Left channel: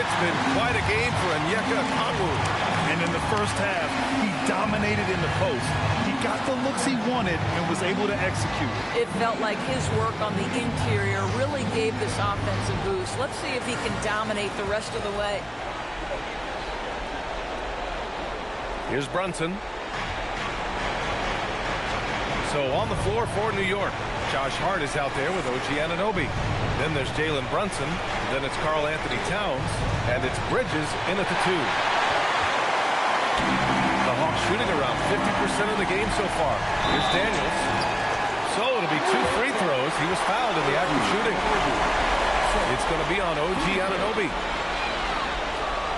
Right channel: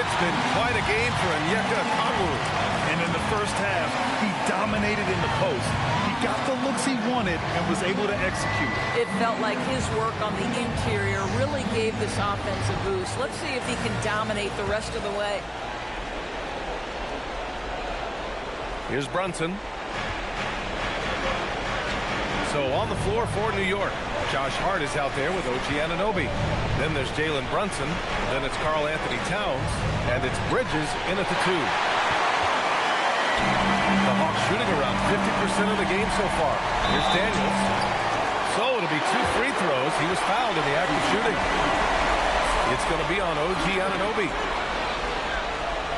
It's been quite a game for Onyeka Okongwu. And in the first half, he dominated in the post. He got the looks he wanted and was able to execute. It felt like his work on the interior really gave this offense a boost. Let's see if he can dominate the rest of the way. Here's Brunson. So on the floor for New York, Josh Hart is out there with OG Anunoby. Then there's Jalen Brunson. Then it's Karl Anthony Towns. And it's Bridges in at the 2. The Hawks shooting around 50% of the game so far. Here's Daniels. So it'll be 2 free throws. He was fouled in the act of shooting. It's going to be on OG Anunoby.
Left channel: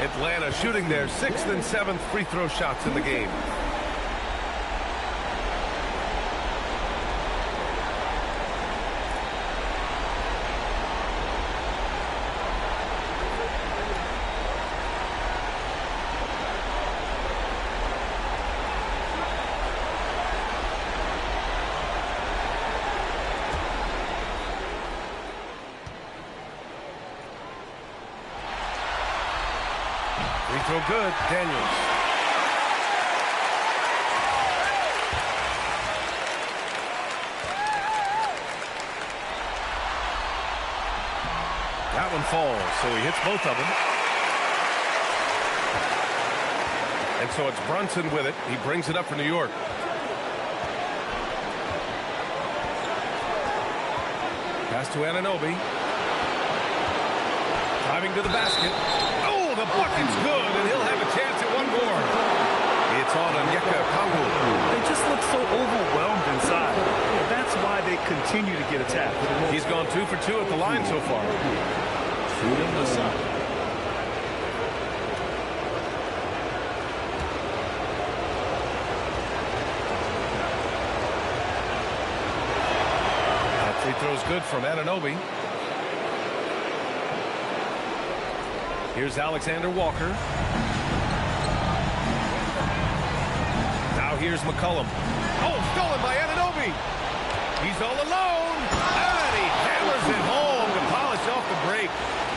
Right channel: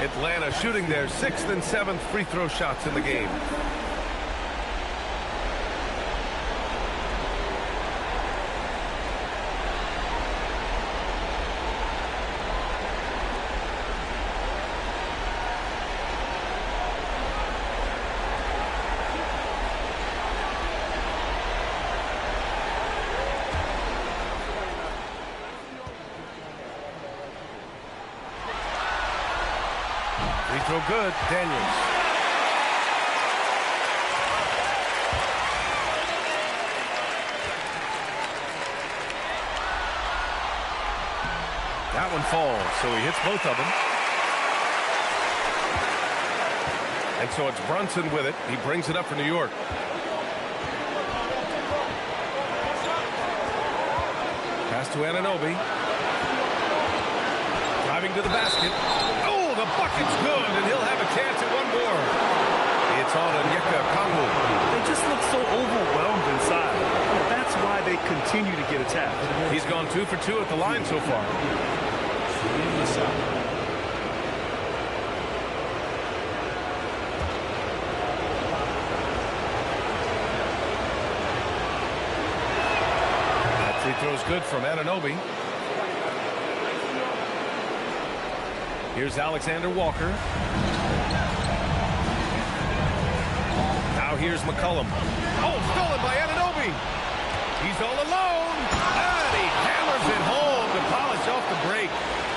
Atlanta shooting their 6th and 7th free throw shots in the game. Free throw good, Daniels. That one falls, so he hits both of them. And so it's Brunson with it. He brings it up for New York. Pass to Anunoby. Driving to the basket. Oh, the bucket's good, and he'll have a chance at one more. It's on Onyeka Okongwu. They just look so overwhelmed inside. That's why they continue to get attacked. He's gone 2 for 2 at the line so far. Shooting the shot. That free throw's good from Anunoby. Here's Alexander Walker. Now here's McCollum. Oh, stolen by Anunoby. He's all alone. And he hammers it home to polish off the break.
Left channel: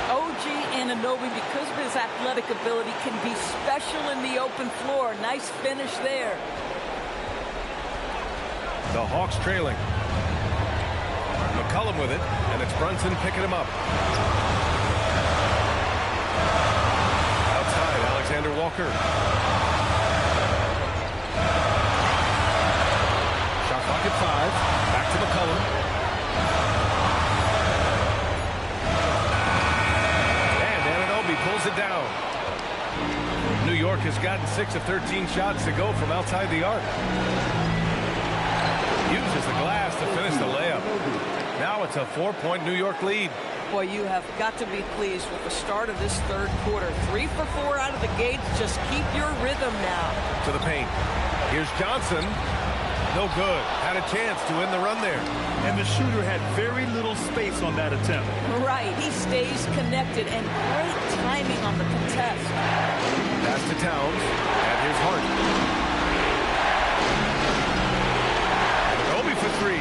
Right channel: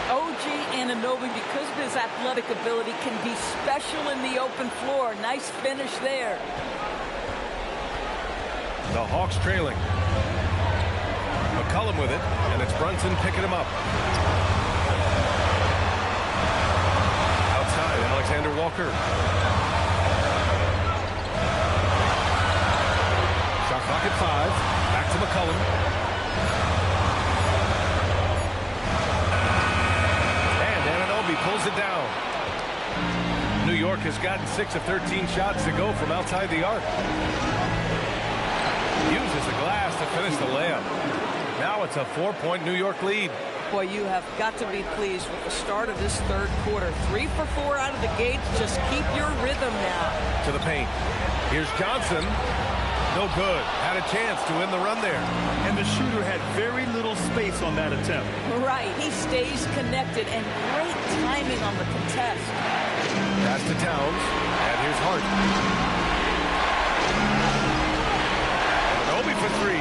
OG Anunoby, because of his athletic ability, can be special in the open floor. Nice finish there. The Hawks trailing. McCollum with it, and it's Brunson picking him up. Outside, Alexander Walker. Shot clock at 5. Back to McCollum. And Anunoby pulls it down. New York has gotten 6 of 13 shots to go from outside the arc. Uses the glass to finish the layup. Now it's a 4-point New York lead. Boy, you have got to be pleased with the start of this third quarter. 3 for 4 out of the gates. Just keep your rhythm now. To the paint. Here's Johnson. No good. Had a chance to end the run there. And the shooter had very little space on that attempt. Right. He stays connected, and great timing on the contest. Pass to Towns. And here's Hart. Anunoby for 3.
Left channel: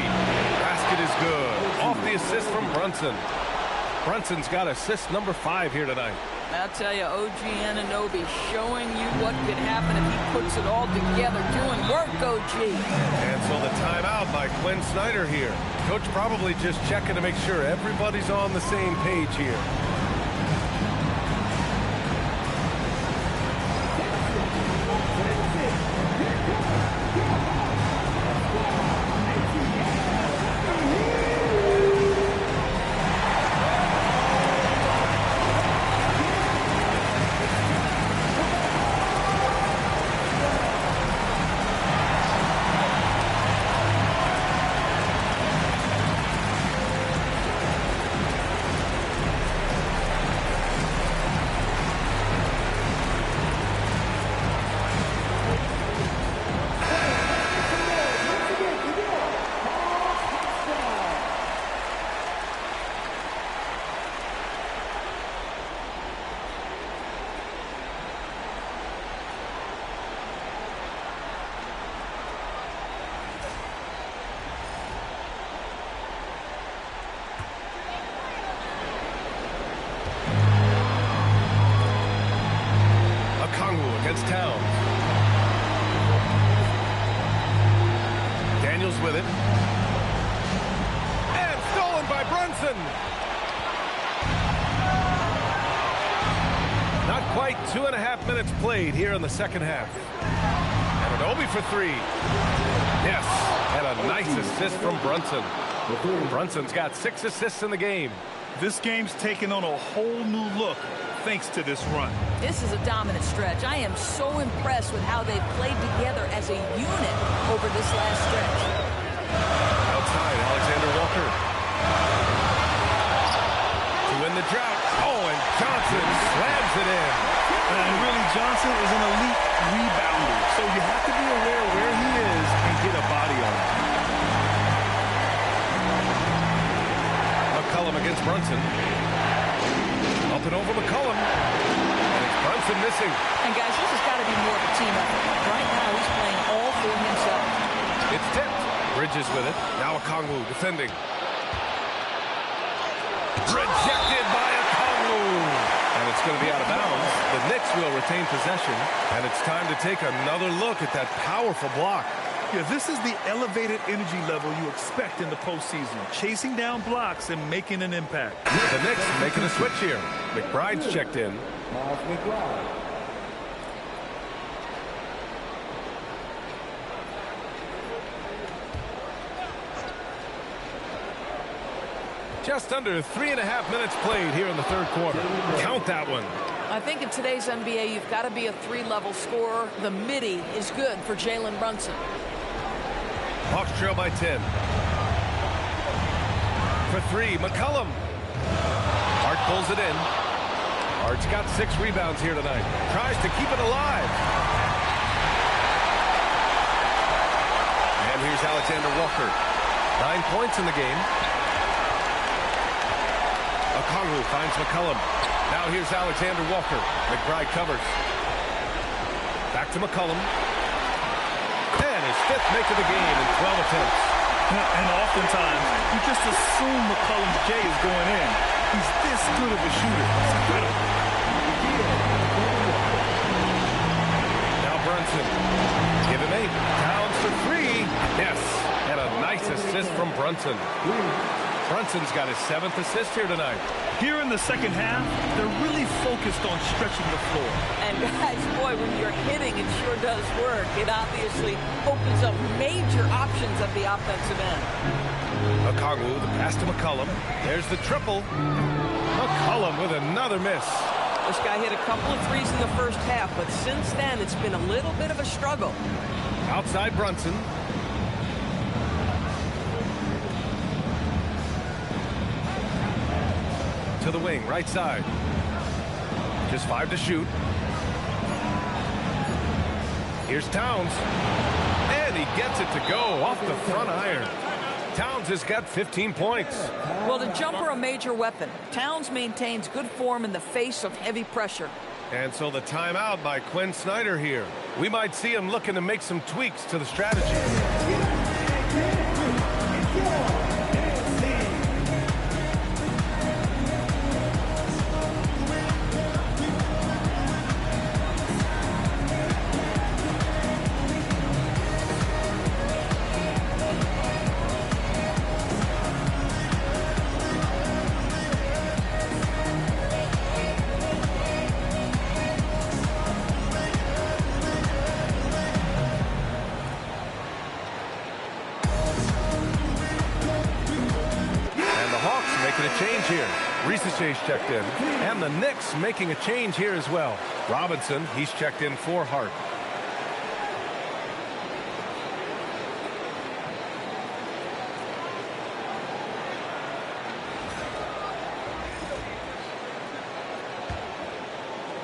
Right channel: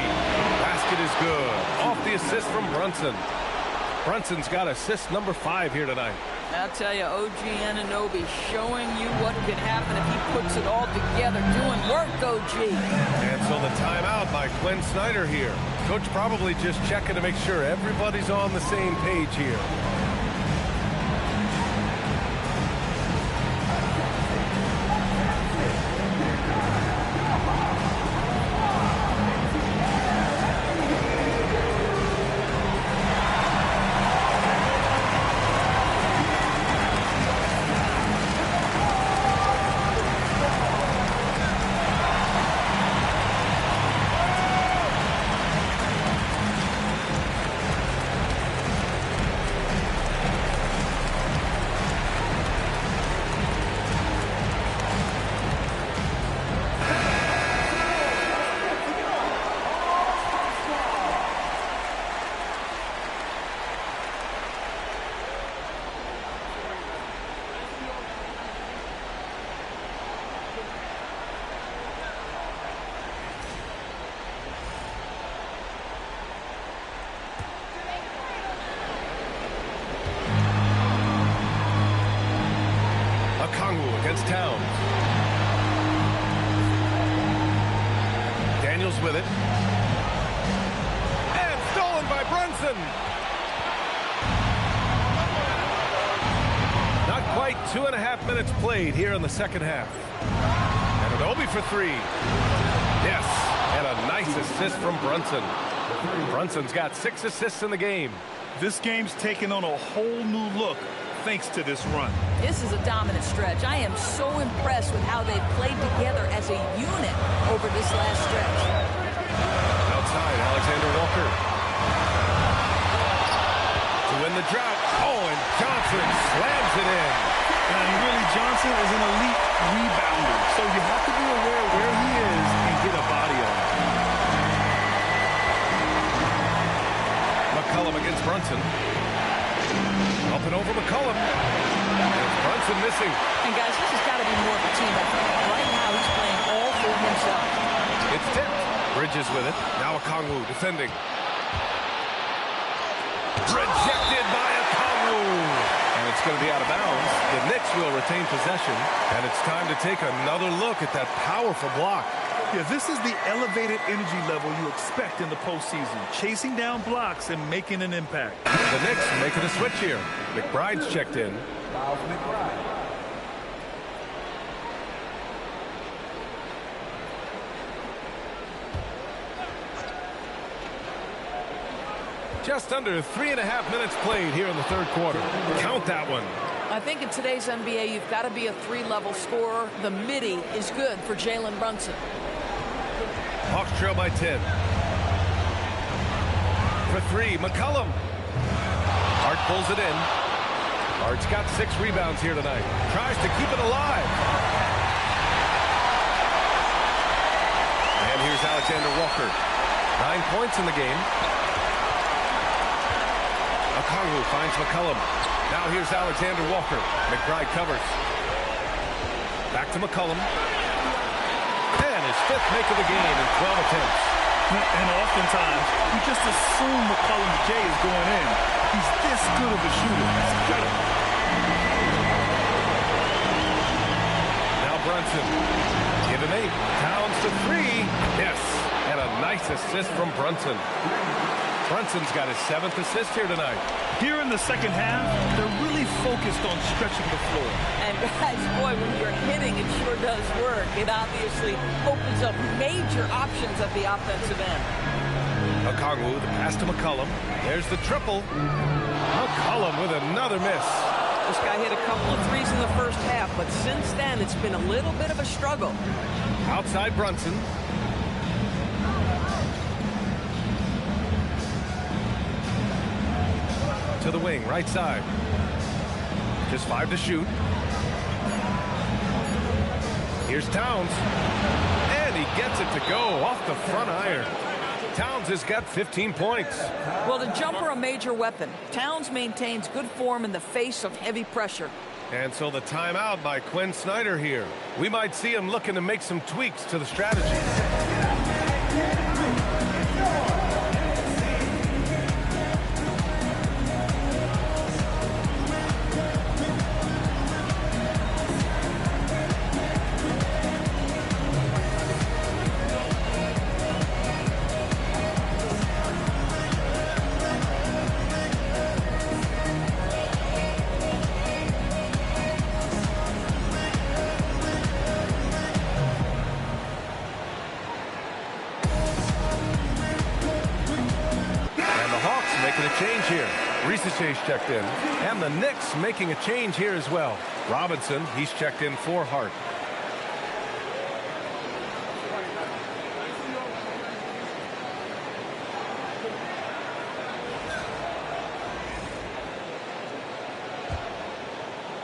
Basket is good. Off the assist from Brunson. Brunson's got assist number 5 here tonight. I'll tell you, OG Anunoby showing you what could happen if he puts it all together. Doing work, OG. And so the timeout by Quinn Snyder here. Coach probably just checking to make sure everybody's on the same page here. Okongwu against Towns. Daniels with it. And stolen by Brunson. Not quite 2.5 minutes played here in the second half. And Anunoby for three. Yes, and a nice assist from Brunson. Brunson's got 6 assists in the game. This game's taken on a whole new look thanks to this run. This is a dominant stretch. I am so impressed with how they've played together as a unit over this last stretch. Outside, Alexander Walker. To win the drought. Oh, and Johnson slams it in. And really, Johnson is an elite rebounder, so you have to be aware where he is and get a body on him. McCollum against Brunson. Up and over McCollum. And it's Brunson missing. And guys, this has got to be more of a team effort. Right now, he's playing all for himself. It's tipped. Bridges with it. Now Okongwu defending. Rejected by Okongwu. And it's going to be out of bounds. The Knicks will retain possession. And it's time to take another look at that powerful block. Yeah, this is the elevated energy level you expect in the postseason. Chasing down blocks and making an impact. The Knicks making a switch here. McBride's checked in. Just under 3.5 minutes played here in the third quarter. Count that one. I think in today's NBA, you've got to be a 3-level scorer. The midi is good for Jalen Brunson. Hawks trail by 10. For three, McCollum. Hart pulls it in. Hart's got 6 rebounds here tonight. Tries to keep it alive. And here's Alexander Walker. 9 points in the game. Okongwu finds McCollum. Now here's Alexander Walker. McBride covers. Back to McCollum. And his 5th make of the game in 12 attempts. And oftentimes, you just assume McCollum's J is going in. He's this good of a shooter. It's incredible. Now Brunson. Give him 8. Towns for 3. Yes. And a nice assist from Brunson. Brunson's got his 7th assist here tonight. Here in the second half, they're really focused on stretching the floor. And guys, boy, when you're hitting, it sure does work. It obviously opens up major options at the offensive end. Okongwu, the pass to McCollum. There's the triple. McCollum with another miss. This guy hit a couple of threes in the first half, but since then, it's been a little bit of a struggle. Outside Brunson. To the wing, right side. Just 5 to shoot. Here's Towns. And he gets it to go off the front iron. Towns has got 15 points. Well, the jumper, a major weapon. Towns maintains good form in the face of heavy pressure. And so the timeout by Quinn Snyder here. We might see him looking to make some tweaks to the strategy. Making a change here. Reese checked in. And the Knicks making a change here as well. Robinson, he's checked in for Hart.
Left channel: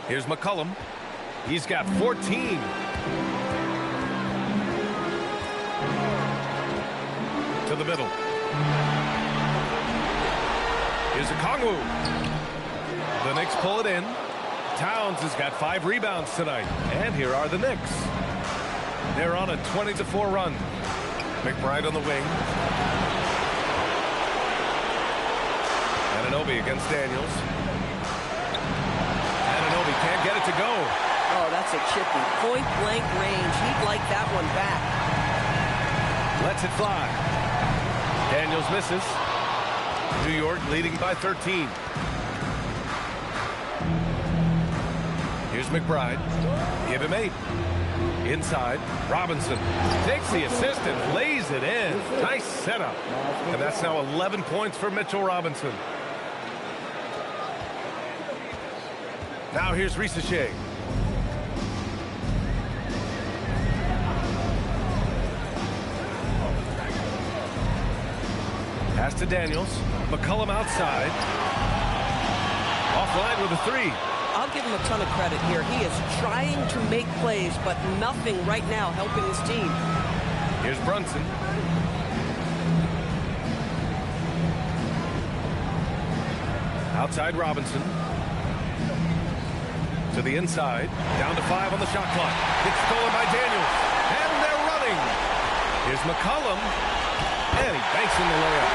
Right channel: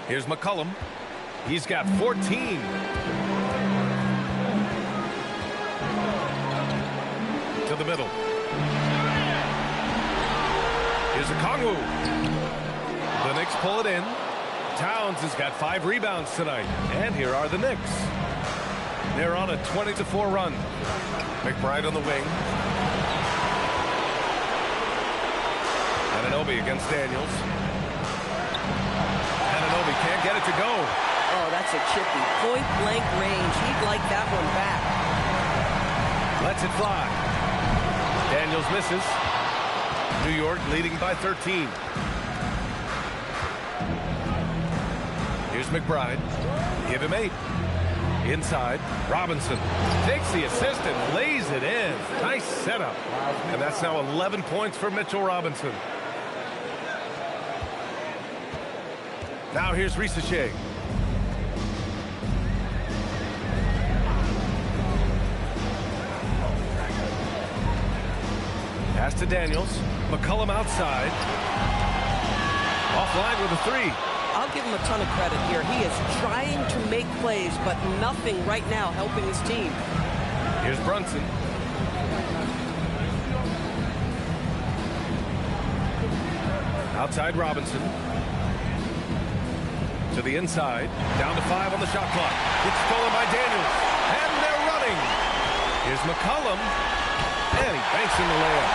Here's McCollum. He's got 14. To the middle. Here's Okongwu. The Knicks pull it in. Towns has got 5 rebounds tonight. And here are the Knicks. They're on a 20-4 run. McBride on the wing. Anunoby against Daniels. Anunoby can't get it to go. Oh, that's a chippy. Point blank range. He'd like that one back. Lets it fly. Daniels misses. New York leading by 13. Here's McBride. Give him 8. Inside. Robinson takes the assist and lays it in. Nice setup. And that's now 11 points for Mitchell Robinson. Now here's Risacher. Pass to Daniels. McCollum outside. Offline with a 3. I'll give him a ton of credit here. He is trying to make plays, but nothing right now helping his team. Here's Brunson. Outside Robinson. To the inside. Down to 5 on the shot clock. It's stolen by Daniels. And they're running. Here's McCollum. And he banks in the layup.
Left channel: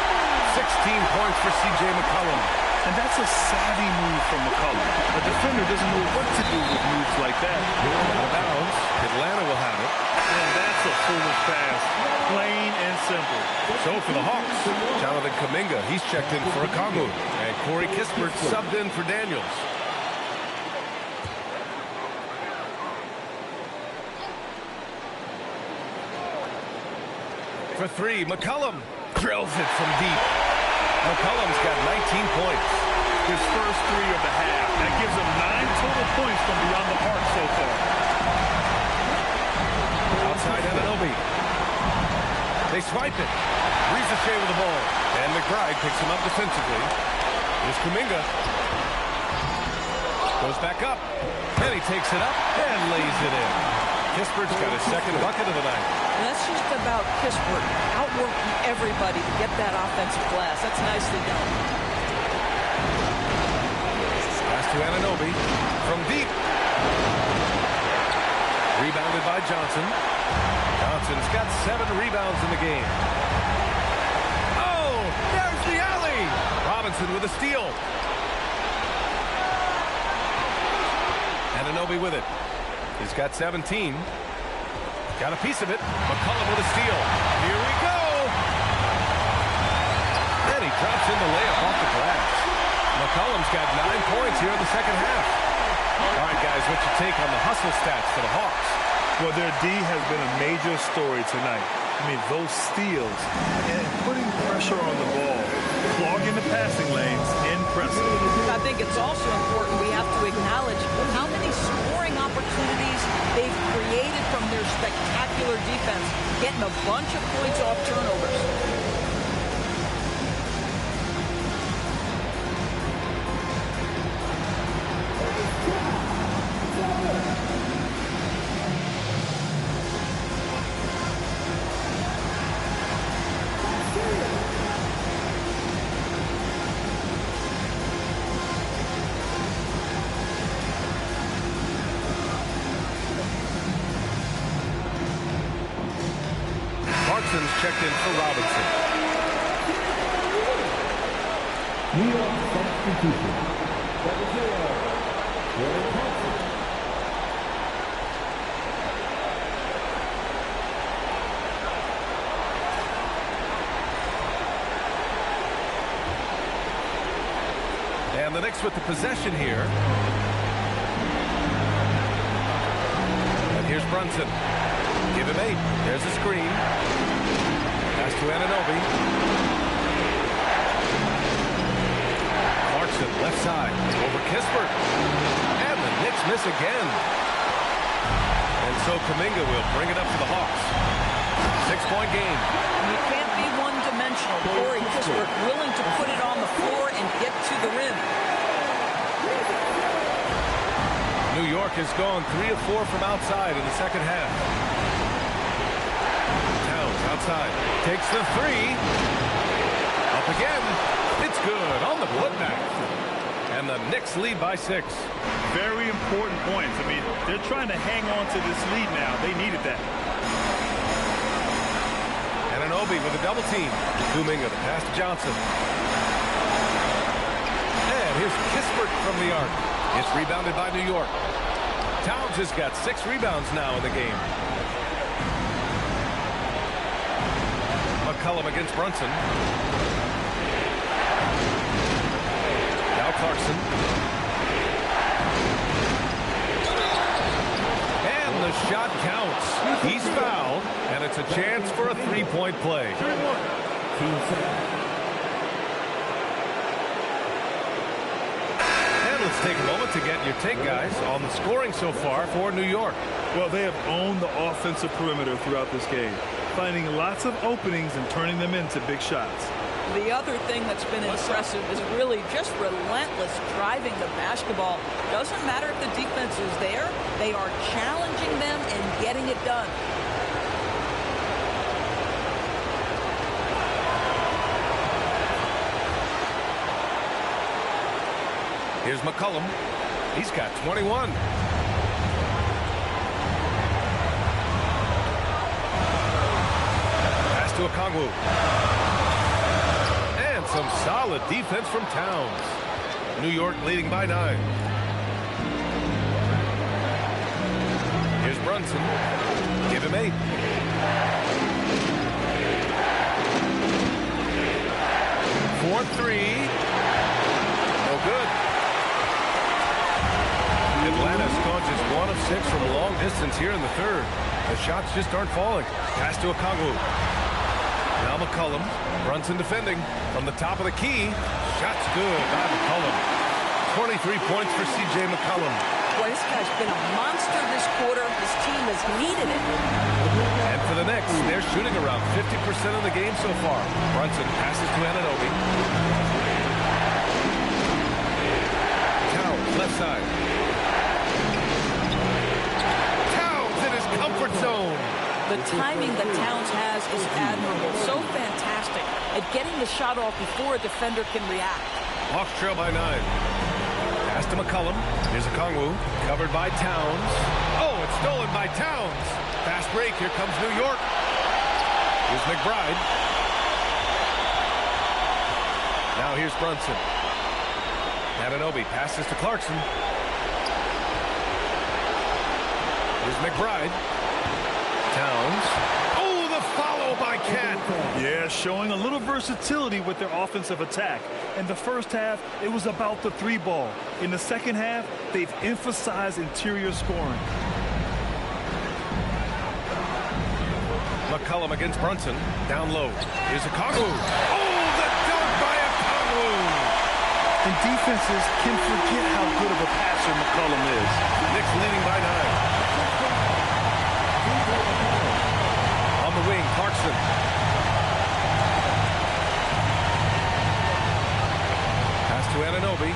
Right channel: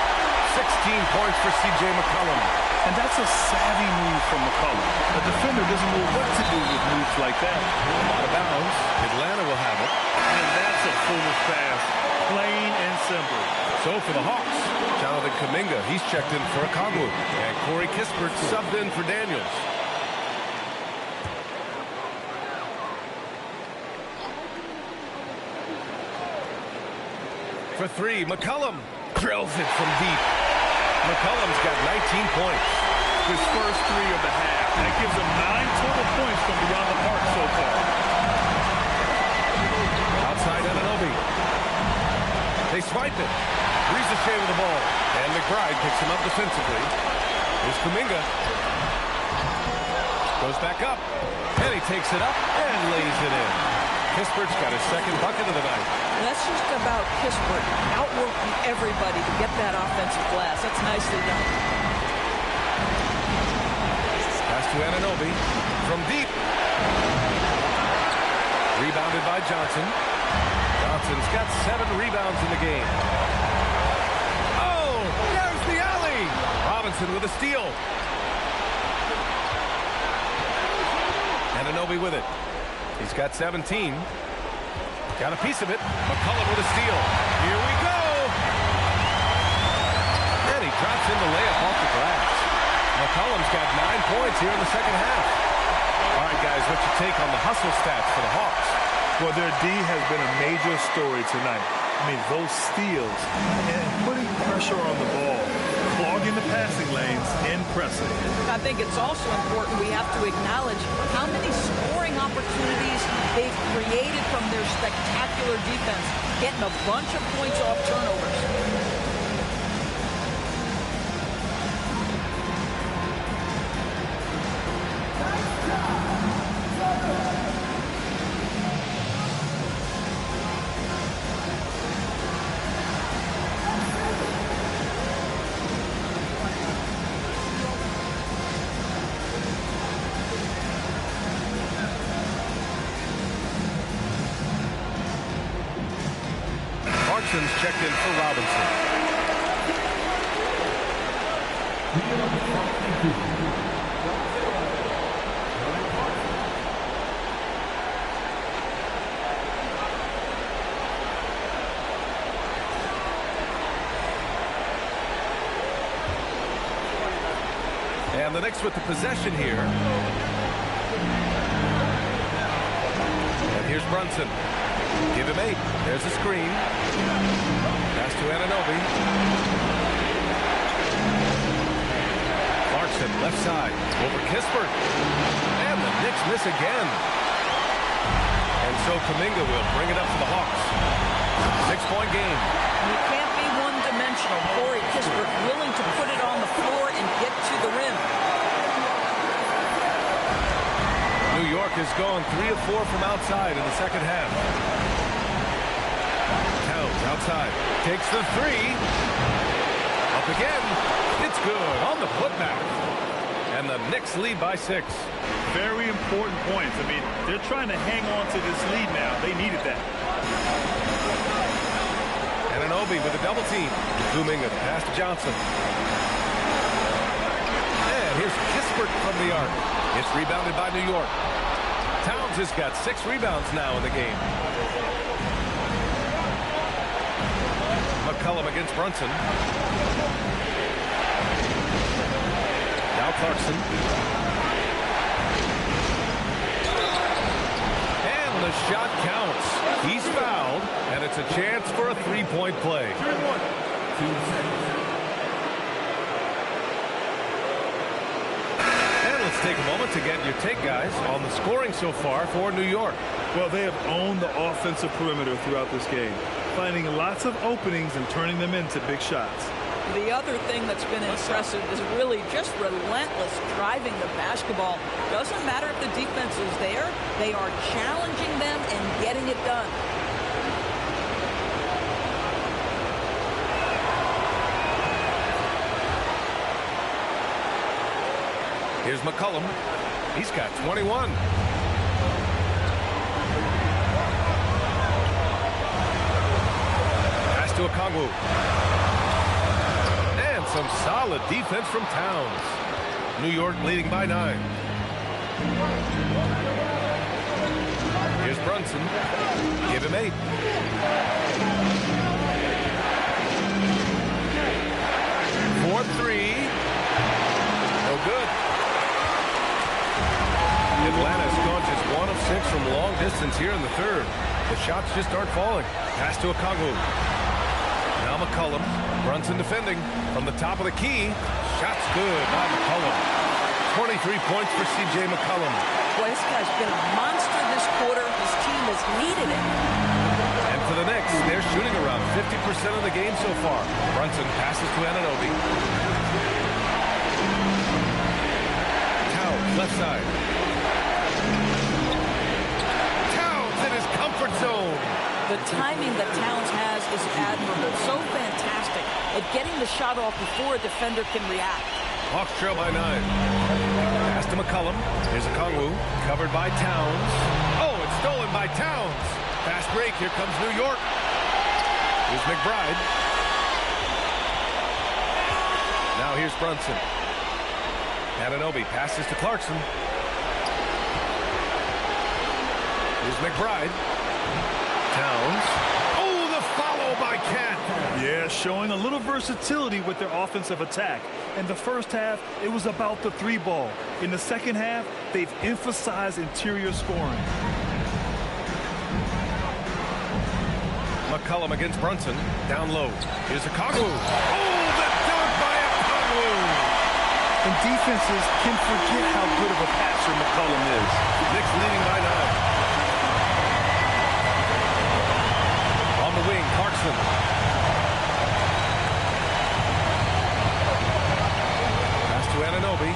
16 points for C.J. McCollum. And that's a savvy move from McCollum. A defender doesn't know what to do with moves like that. Out of bounds. Atlanta will have it. And that's a foolish pass. Plain and simple. So for the Hawks, Jonathan Kuminga, he's checked in for Okongwu. And Corey Kispert subbed in for Daniels. For 3, McCollum drills it from deep. McCollum's got 19 points. His first 3 of the half. That gives him 9 total points from beyond the arc so far. Outside Anunoby. They swipe it. Risacher with the ball. And McBride picks him up defensively. Here's Kuminga. Goes back up. And he takes it up and lays it in. Kispert's got his second bucket of the night. And that's just about Kispert outworking everybody to get that offensive glass. That's nicely done. Pass to Anunoby from deep. Rebounded by Johnson. Johnson's got 7 rebounds in the game. Oh, there's the alley. Robinson with a steal. Anunoby with it. He's got 17. Got a piece of it. McCollum with a steal. Here we go. And he drops in the layup off the glass. McCollum's got 9 points here in the second half. All right, guys, what's your take on the hustle stats for the Hawks? Well, their D has been a major story tonight. I mean, those steals and putting pressure on the ball, clogging the passing lanes, impressive. I think it's also important we have to acknowledge how many scoring opportunities they've created from their spectacular defense, getting a bunch of points off turnovers. Clarkson's checked in for Robinson. And the Knicks with the possession here. And here's Brunson. Give him 8. There's a screen. Pass to Anunoby. Clarkson, left side. Over Kispert. And the Knicks miss again. And so Kuminga will bring it up for the Hawks. 6-point game. You can't be one-dimensional. Corey Kispert willing to put it on the floor and get to the rim. New York has gone 3 of 4 from outside in the second half. Towns outside. Takes the 3. Up again. It's good on the putback. And the Knicks lead by 6. Very important points. I mean, they're trying to hang on to this lead now. They needed that. Anunoby with a double team. Kuminga the pass to Johnson. And here's Kispert from the arc. It's rebounded by New York. Towns has got 6 rebounds now in the game. McCollum against Brunson. Now Clarkson. And the shot counts. He's fouled, and it's a chance for a 3-point play. And let's take a moment to get your take, guys, on the scoring so far for New York. Well, they have owned the offensive perimeter throughout this game, finding lots of openings and turning them into big shots. The other thing that's been impressive is really just relentless driving the basketball. Doesn't matter if the defense is there, they are challenging them and getting it done. Here's McCollum. He's got 21. Pass to Okongwu. And some solid defense from Towns. New York leading by 9. Here's Brunson. Give him 8. For 3. No good. Atlanta's gone just 1 of 6 from long distance here in the third. The shots just aren't falling. Pass to Okongwu. Now McCollum. Brunson defending from the top of the key. Shot's good by McCollum. 23 points for C.J. McCollum. Boy, this guy's been a monster this quarter. His team has needed it. And for the Knicks, they're shooting around 50% of the game so far. Brunson passes to Anunoby. Towns, left side. In his comfort zone. The timing that Towns has is admirable. So fantastic at getting the shot off before a defender can react. Hawks trail by 9. Pass to McCollum. Here's Okongwu. Covered by Towns. Oh, it's stolen by Towns. Fast break. Here comes New York. Here's McBride. Now here's Brunson. Anunoby passes to Clarkson. Here's McBride. Towns. Oh, the follow by Cat. Yeah, showing a little versatility with their offensive attack. In the first half, it was about the 3 ball. In the second half, they've emphasized interior scoring. McCollum against Brunson. Down low. Here's Okongwu. Oh, the dunk by Okongwu. And defenses can forget how good of a passer McCollum is. Knicks leading by 9. On the wing, Clarkson. Pass to Anunoby.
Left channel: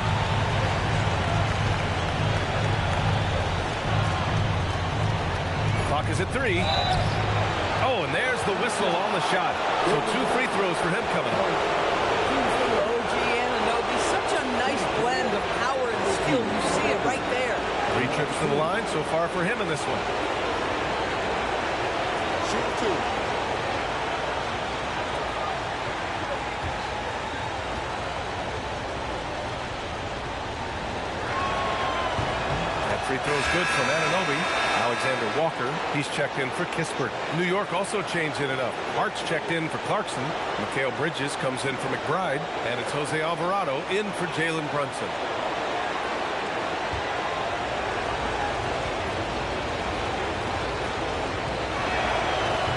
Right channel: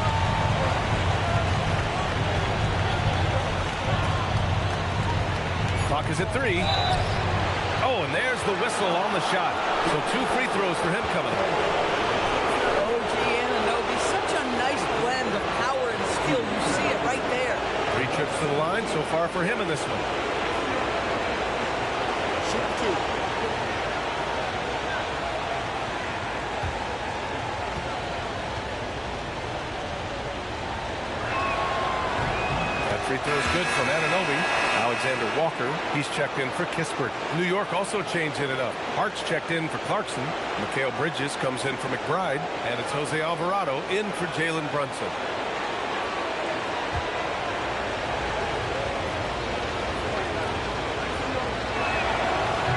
Clock is at 3. Oh, and there's the whistle on the shot. So 2 free throws for him coming up. OG Anunoby, such a nice blend of power and skill. You see it right there. 3 trips to the line so far for him in this one. Shoot 2. That free throw is good from Anunoby. Alexander Walker, he's checked in for Kispert. New York also changing it up. Hart's checked in for Clarkson. Mikal Bridges comes in for McBride. And it's Jose Alvarado in for Jalen Brunson.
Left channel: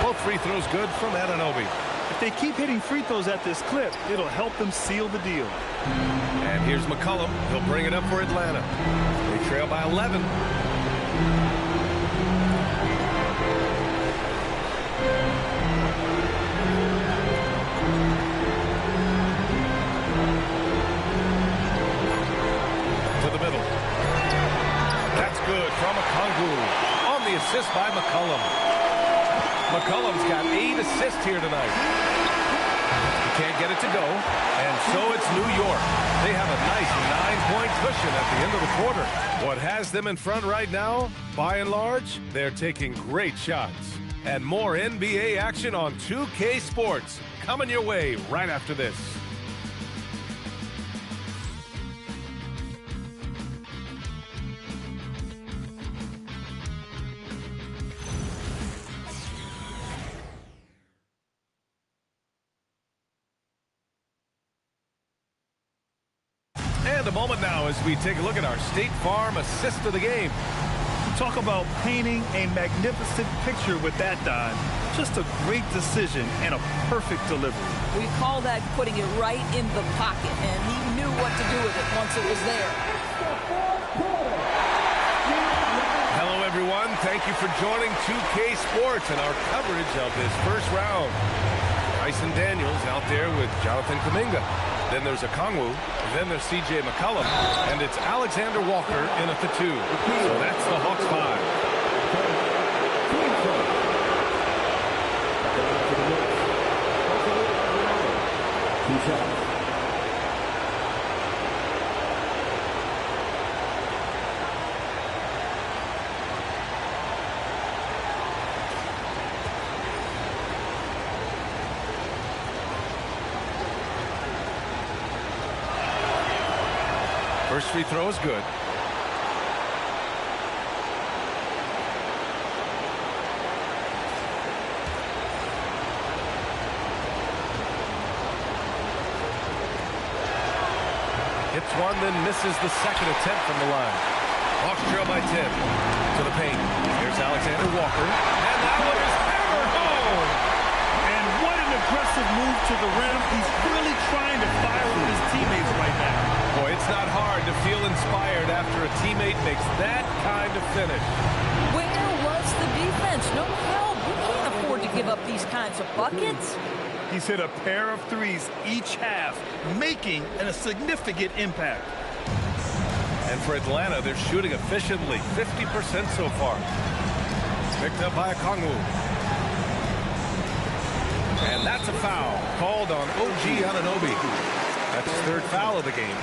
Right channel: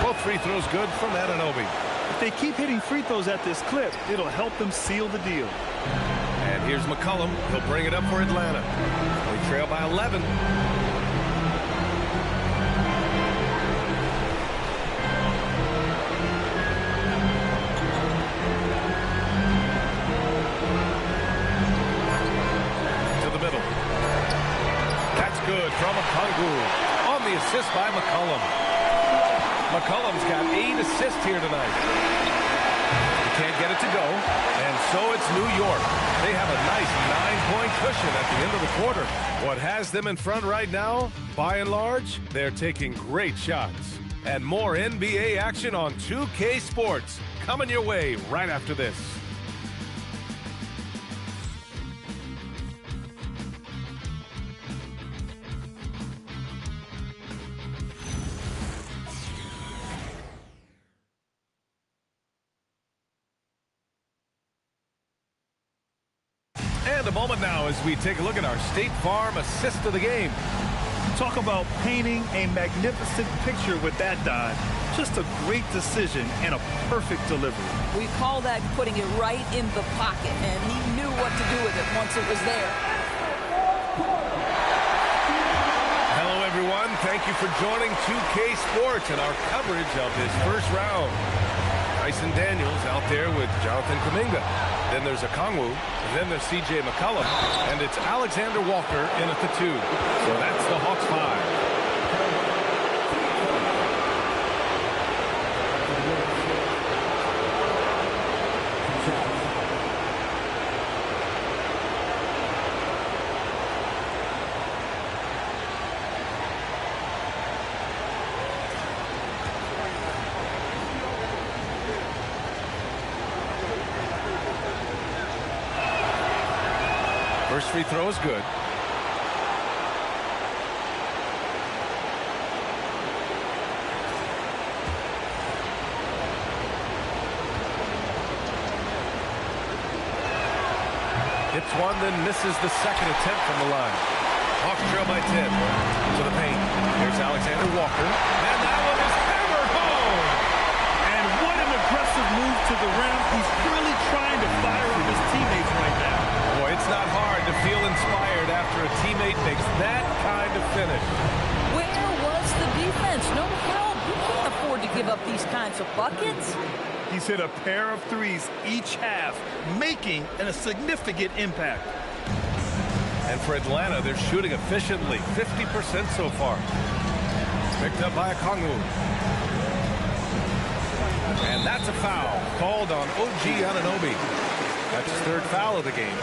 Both free throws good from Anunoby. If they keep hitting free throws at this clip, it'll help them seal the deal. And here's McCollum. He'll bring it up for Atlanta. They trail by 11. To the middle. That's good from Okongwu. On the assist by McCollum. McCollum's got 8 assists here tonight. He can't get it to go, and so it's New York. They have a nice 9-point cushion at the end of the quarter. What has them in front right now, by and large, they're taking great shots. And more NBA action on 2K Sports coming your way right after this. And a moment now as we take a look at our State Farm assist of the game. Talk about painting a magnificent picture with that dive. Just a great decision and a perfect delivery. We call that putting it right in the pocket, and he knew what to do with it once it was there. Hello, everyone. Thank you for joining 2K Sports and our coverage of this first round. Tyson Daniels out there with Jonathan Kuminga. Then there's Okongwu. Then there's C.J. McCollum. And it's Alexander Walker in at the 2. So that's the Hawks 5. First free throw is good. Hits one, then misses the second attempt from the line. Hawks trail by 10 to the paint. Here's Alexander Walker. And that one is hammered home. And what an aggressive move to the rim. He's really trying to fire up his teammates right now. Boy, it's not hard to feel inspired after a teammate makes that kind of finish. Where was the defense? No help. You can't afford to give up these kinds of buckets. He's hit a pair of threes each half, making a significant impact. And for Atlanta, they're shooting efficiently, 50% so far. Picked up by Okongwu. And that's a foul called on OG Anunoby. That's his third foul of the game.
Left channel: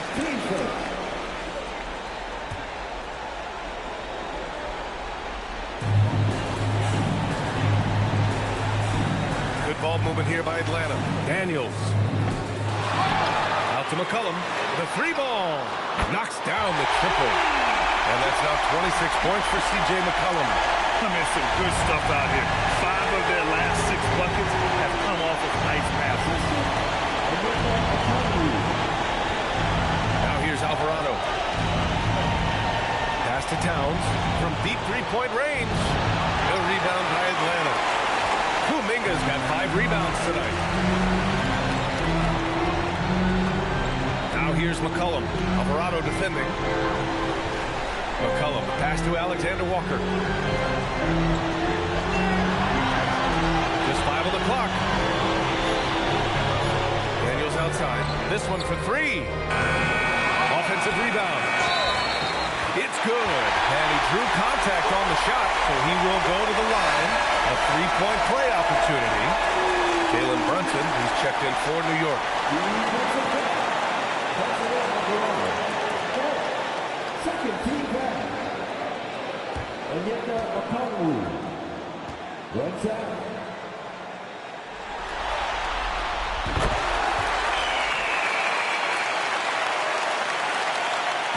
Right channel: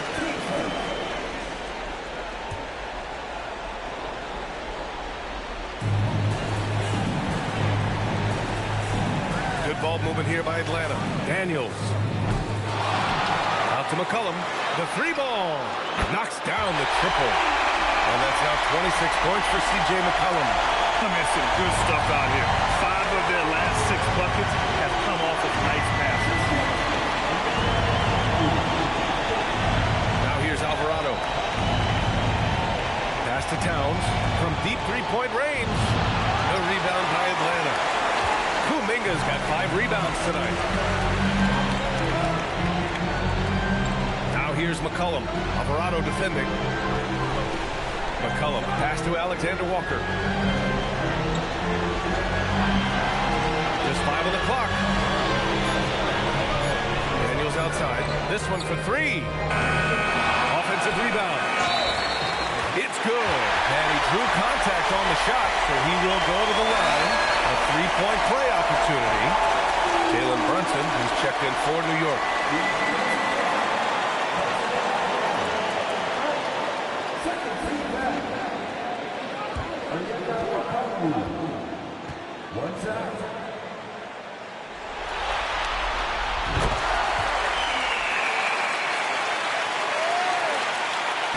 Good ball movement here by Atlanta. Daniels. Out to McCollum. The 3-ball. Knocks down the triple. And that's now 26 points for C.J. McCollum. I mean, some good stuff out here. 5 of their last 6 buckets have come off of nice passes. Now here's Alvarado. Pass to Towns from deep three-point range. The rebound by Atlanta. Kuminga's got 5 rebounds tonight. Now here's McCollum. Alvarado defending. McCollum, pass to Alexander Walker. Just 5 on the clock. Daniels outside. This one for 3. Offensive rebound. It's good. And he drew contact on the shot, so he will go to the line. A 3-point play opportunity. Jalen Brunson, he's checked in for New York.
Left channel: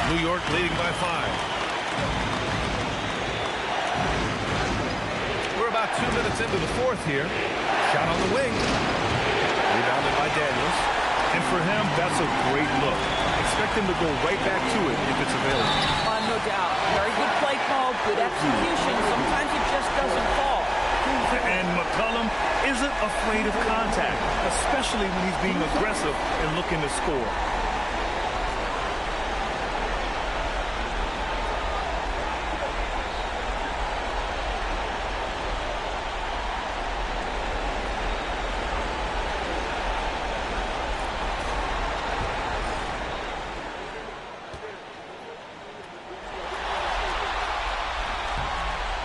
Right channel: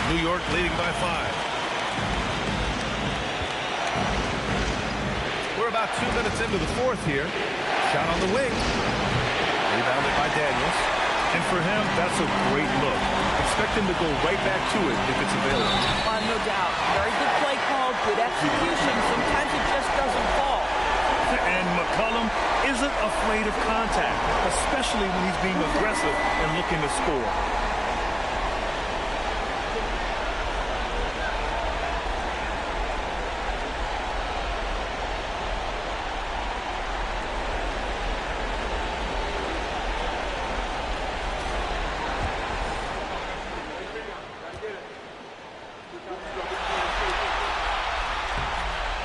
New York leading by 5. We're about 2 minutes into the fourth here. Shot on the wing. Rebounded by Daniels. And for him, that's a great look. Expect him to go right back to it if it's available. No doubt. Very good play call, good execution. Sometimes it just doesn't fall. And McCollum isn't afraid of contact, especially when he's being aggressive and looking to score.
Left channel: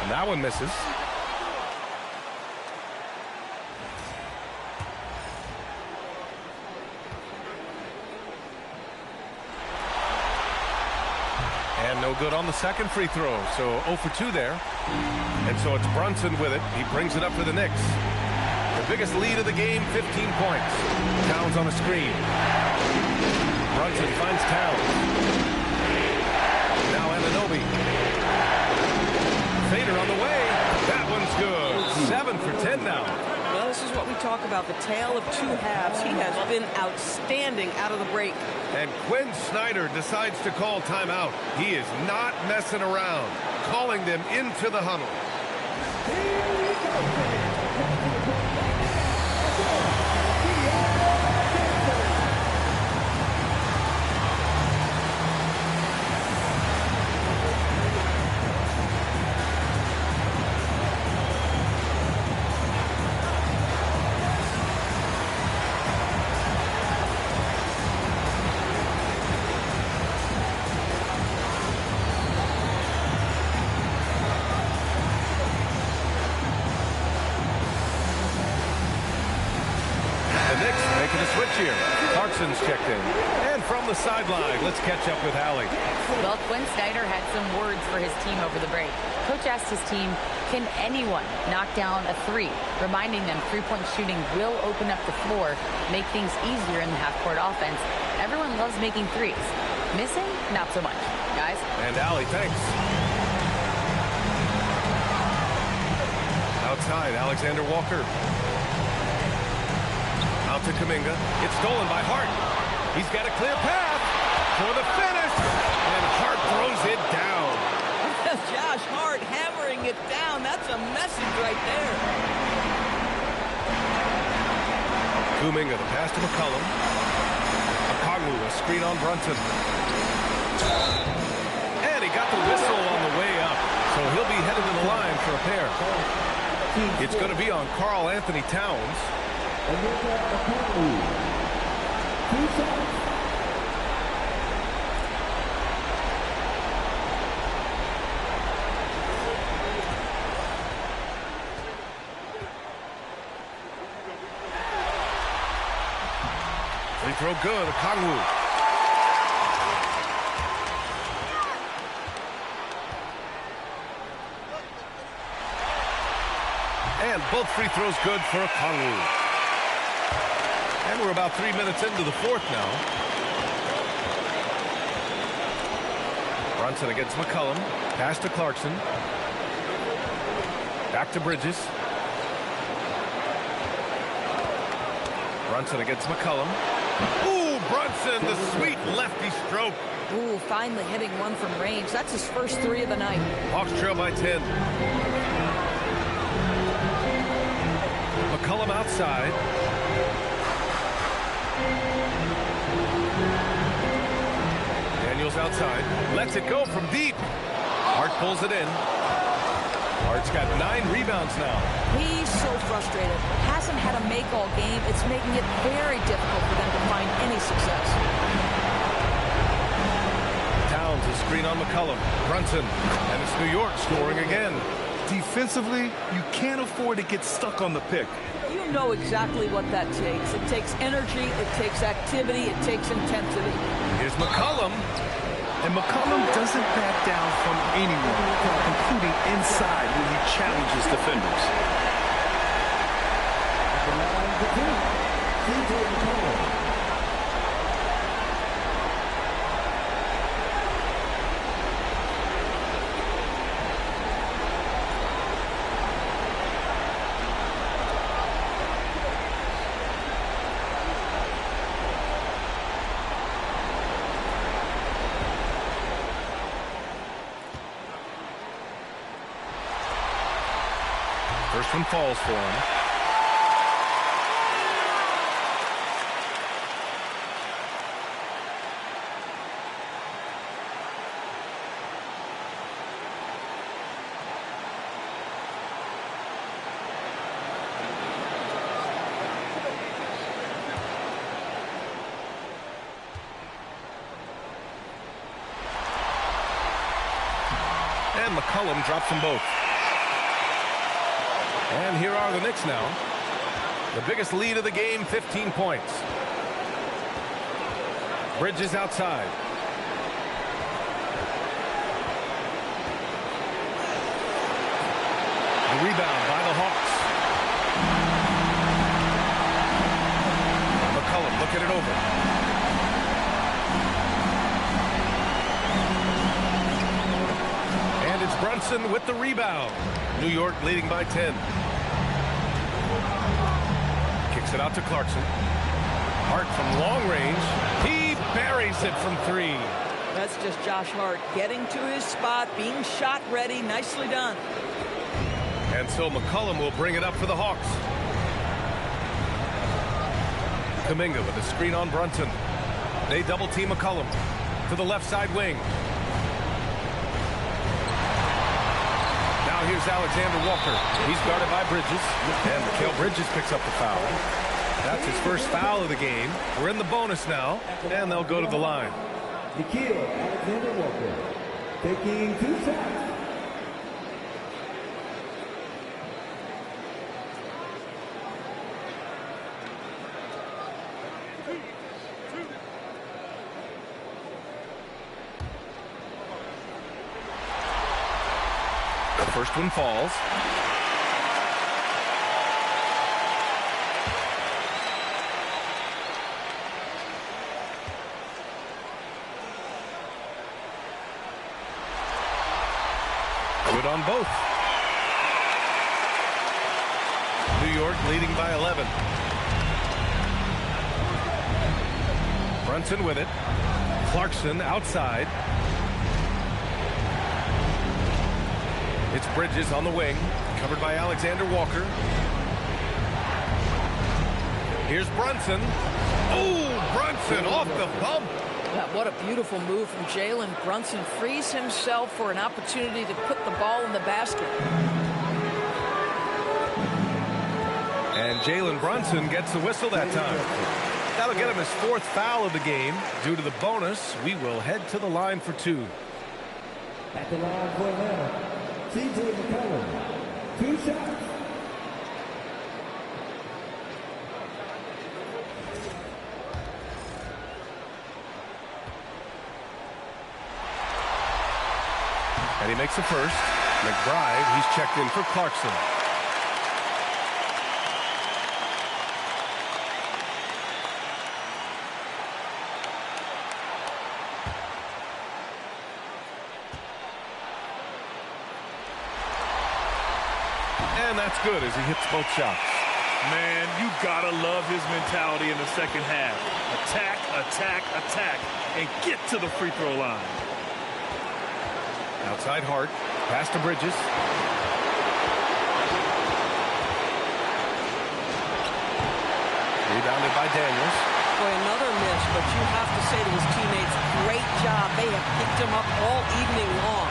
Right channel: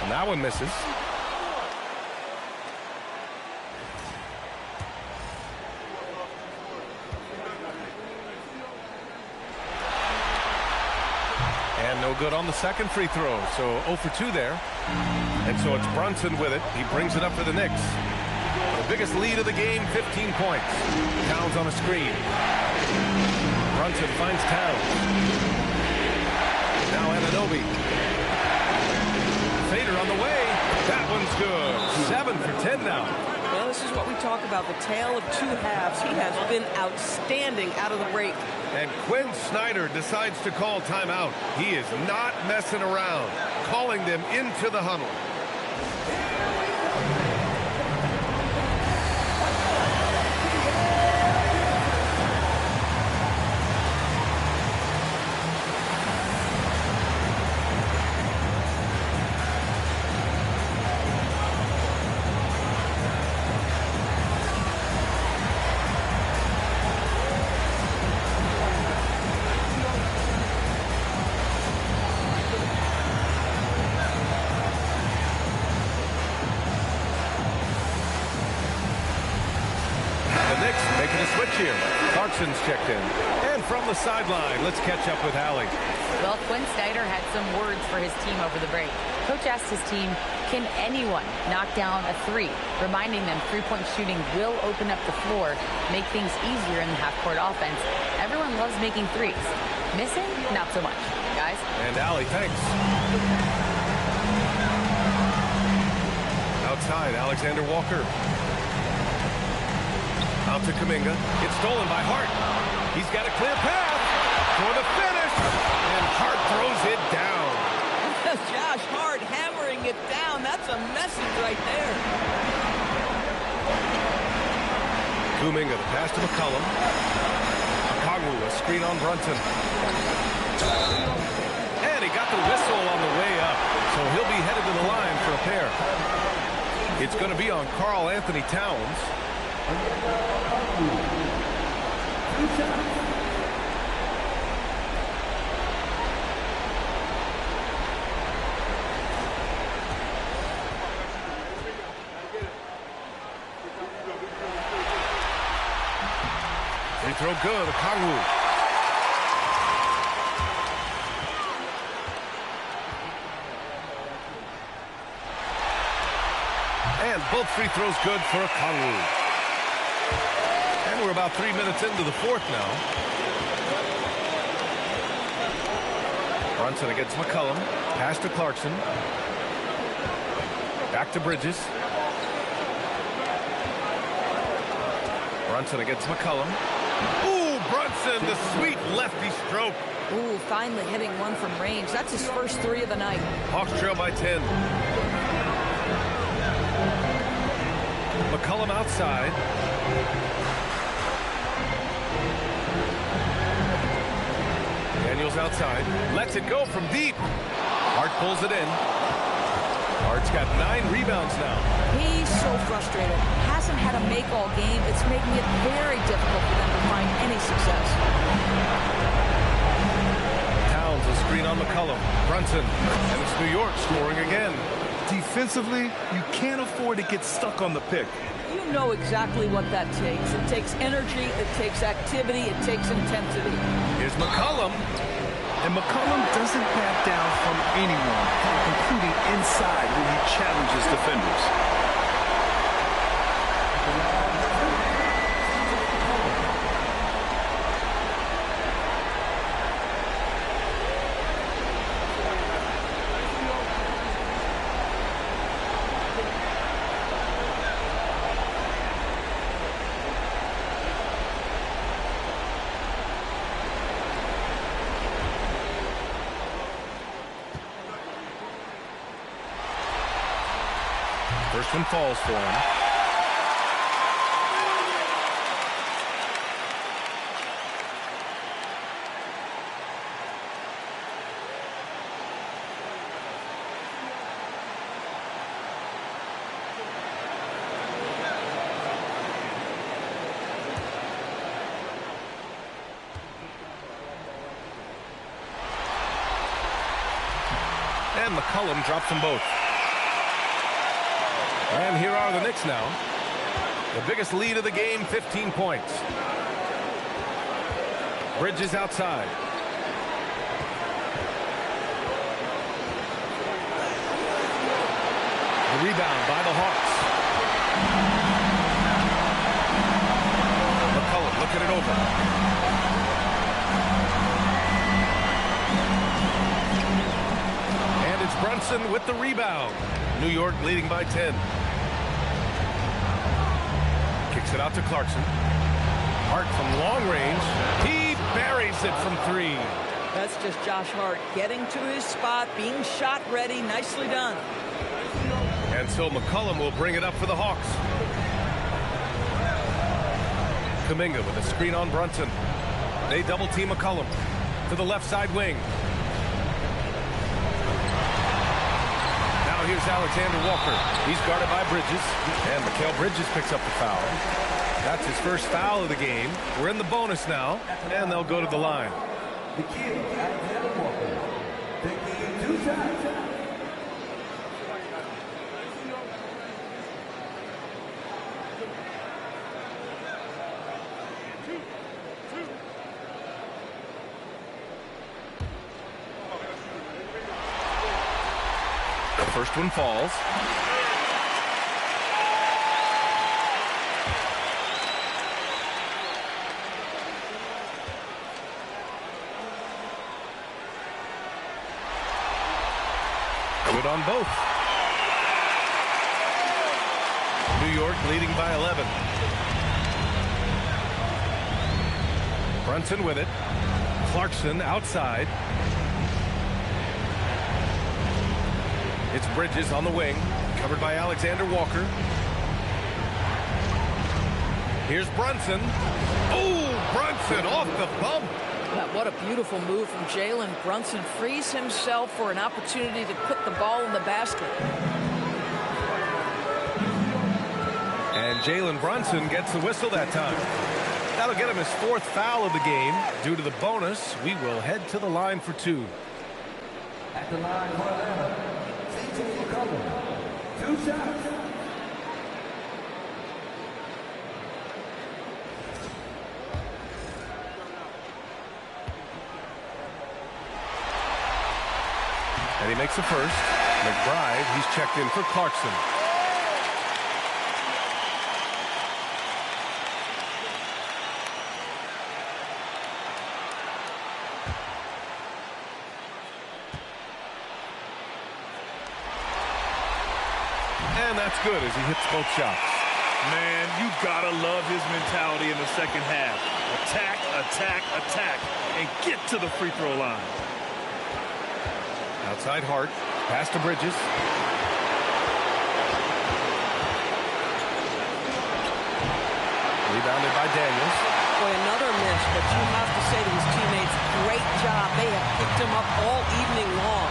And that one misses. And no good on the second free throw. So 0 for 2 there. And so it's Brunson with it. He brings it up for the Knicks. The biggest lead of the game, 15 points. Towns on a screen. Brunson finds Towns. Now Anunoby. Fader on the way. That one's good. 7 for 10 now. Well, this is what we talk about, the tale of two halves. He has been outstanding out of the break. And Quinn Snyder decides to call timeout. He is not messing around, calling them into the huddle. Knicks making a switch here. Clarkson's checked in. And from the sideline, let's catch up with Allie. Well, Quinn Snyder had some words for his team over the break. Coach asked his team, can anyone knock down a three? Reminding them three-point shooting will open up the floor, make things easier in the half-court offense. Everyone loves making threes. Missing? Not so much. Guys? And Allie, thanks. Outside, Alexander Walker. Out to Kuminga. It's stolen by Hart. He's got a clear path for the finish. And Hart throws it down. Josh Hart hammering it down. That's a message right there. Kuminga, the pass to McCollum. Okongwu, a screen on Brunson. And he got the whistle on the way up. So he'll be headed to the line for a pair. It's going to be on Karl Anthony Towns. Free throw good, Okongwu. And both free throws good for Okongwu. And we're about 3 minutes into the fourth now. Brunson against McCollum. Pass to Clarkson. Back to Bridges. Brunson against McCollum. Ooh, Brunson, the sweet lefty stroke. Ooh, finally hitting one from range. That's his first three of the night. Hawks trail by 10. McCollum outside. Daniels outside. Lets it go from deep. Hart pulls it in. Hart's got 9 rebounds now. He's so frustrated. Hasn't had a make all game. It's making it very difficult for them to find any success. Towns, a screen on McCollum. Brunson. And it's New York scoring again. Defensively, you can't afford to get stuck on the pick. You know exactly what that takes. It takes energy, it takes activity, it takes intensity. Here's McCollum. And McCollum doesn't back down from anyone, including inside when he challenges defenders. First one falls for him. And McCollum drops them both. And here are the Knicks now. The biggest lead of the game, 15 points. Bridges outside. The rebound by the Hawks. McCollum looking it over. And it's Brunson with the rebound. New York leading by 10. Kicks it out to Clarkson. Hart from long range. He buries it from 3. That's just Josh Hart getting to his spot, being shot ready. Nicely done. And so McCollum will bring it up for the Hawks. Kuminga with a screen on Brunson. They double team McCollum to the left side wing. Now here's Alexander Walker. He's guarded by Bridges. And Mikal Bridges picks up the foul. That's his first foul of the game. We're in the bonus now, and they'll go to the line. Alexander Walker taking 2 shots. The first one falls. Good on both. New York leading by 11. Brunson with it. Clarkson outside. It's Bridges on the wing, covered by Alexander Walker. Here's Brunson. Oh, Brunson off the bump. What a beautiful move from Jalen Brunson. Frees himself for an opportunity to put the ball in the basket. And Jalen Brunson gets the whistle that time. That'll get him his 4th foul of the game. Due to the bonus, we will head to the line for 2. At the line for Atlanta, TJ McCollum, 2 shots. And he makes the first. McBride, he's checked in for Clarkson. And that's good as he hits both shots. Man, you gotta love his mentality in the second half. Attack, attack, attack, and get to the free throw line. Outside Hart, pass to Bridges. Rebounded by Daniels. Boy, another miss, but you have to say to his teammates, great job. They have picked him up all evening long.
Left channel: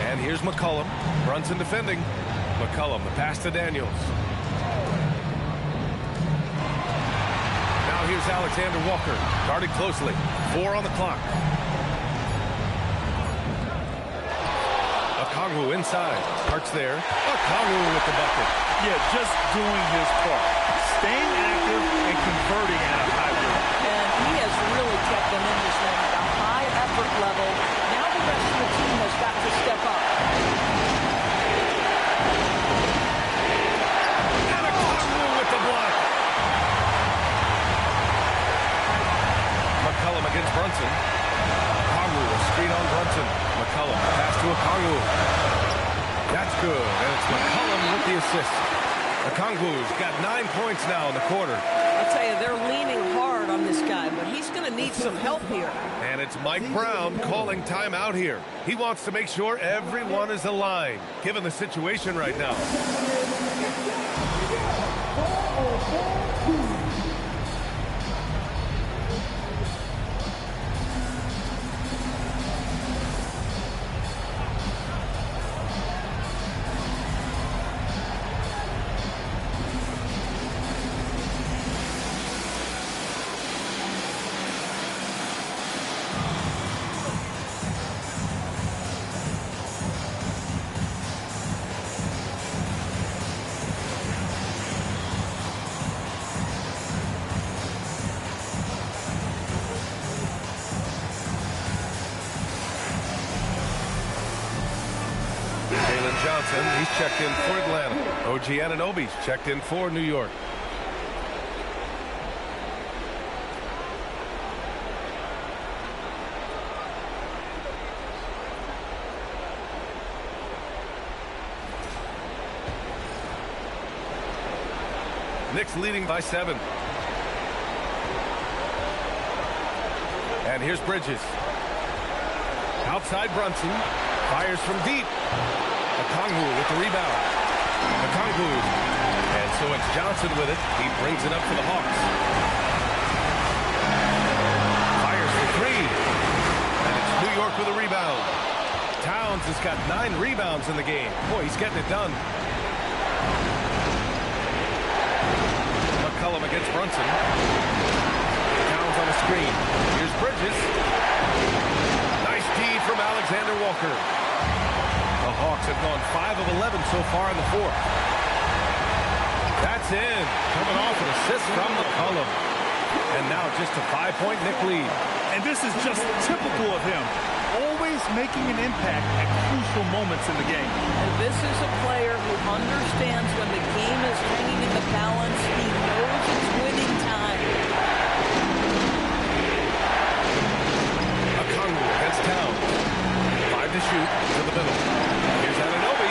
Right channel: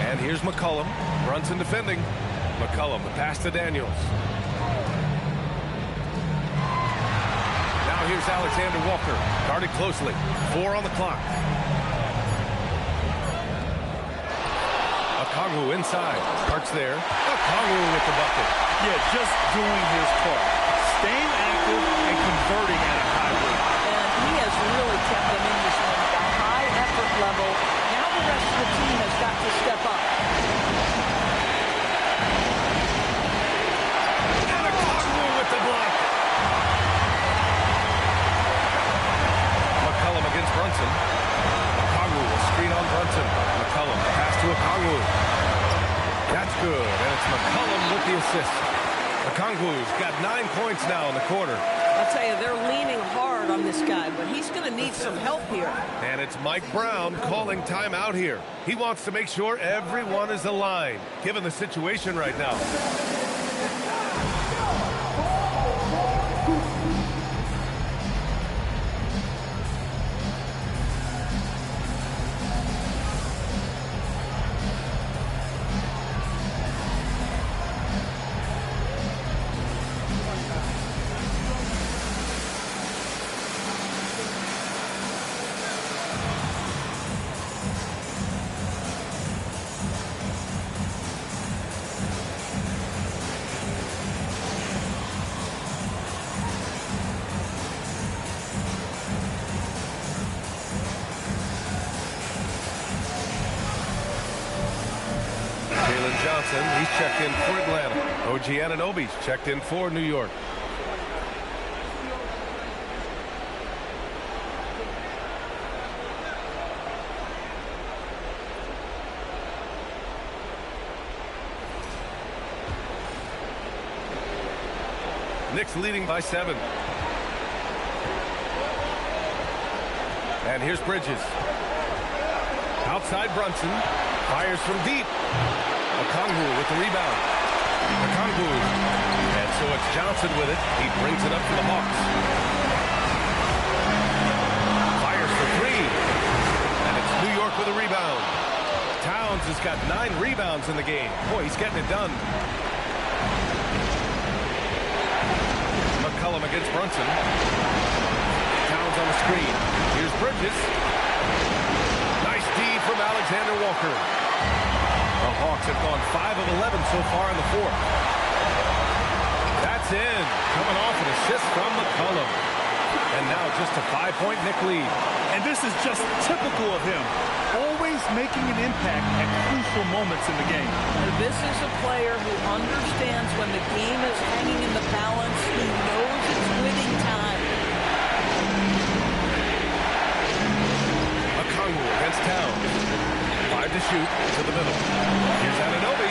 And here's McCollum. Brunson defending. McCollum, the pass to Daniels. Now here's Alexander Walker, guarded closely. 4 on the clock. Okongwu inside. Hart's there. Okongwu with the bucket. Yeah, just doing his part. Staying active and converting at a high rate. And he has really kept them in this one at a high effort level. Now the rest of the team has got to step up. And Okongwu with the block. McCollum against Brunson. Okongwu will screen on Brunson. McCollum pass to Okongwu. That's good, and it's McCollum with the assist. Okongwu's got 9 points now in the quarter. I'll tell you, they're leaning hard on this guy, but he's going to need some help here. And it's Mike Brown calling timeout here. He wants to make sure everyone is aligned, given the situation right now. Johnson, he's checked in for Atlanta. OG Anunoby's checked in for New York. Knicks leading by 7. And here's Bridges. Outside Brunson. Fires from deep. Okongwu with the rebound. Okongwu. And so it's Johnson with it. He brings it up for the Hawks. Fires for 3. And it's New York with a rebound. Towns has got 9 rebounds in the game. Boy, he's getting it done. McCollum against Brunson. Towns on the screen. Here's Bridges. Nice D from Alexander Walker. The Hawks have gone 5 of 11 so far in the 4th. That's in. Coming off an assist from McCollum. And now just a 5-point Knick lead. And this is just typical of him. Always making an impact at crucial moments in the game. And this is a player who understands when the game is hanging in the balance. He knows it's winning time. Okongwu against Towns. 5 to shoot to the middle. Here's Anunoby.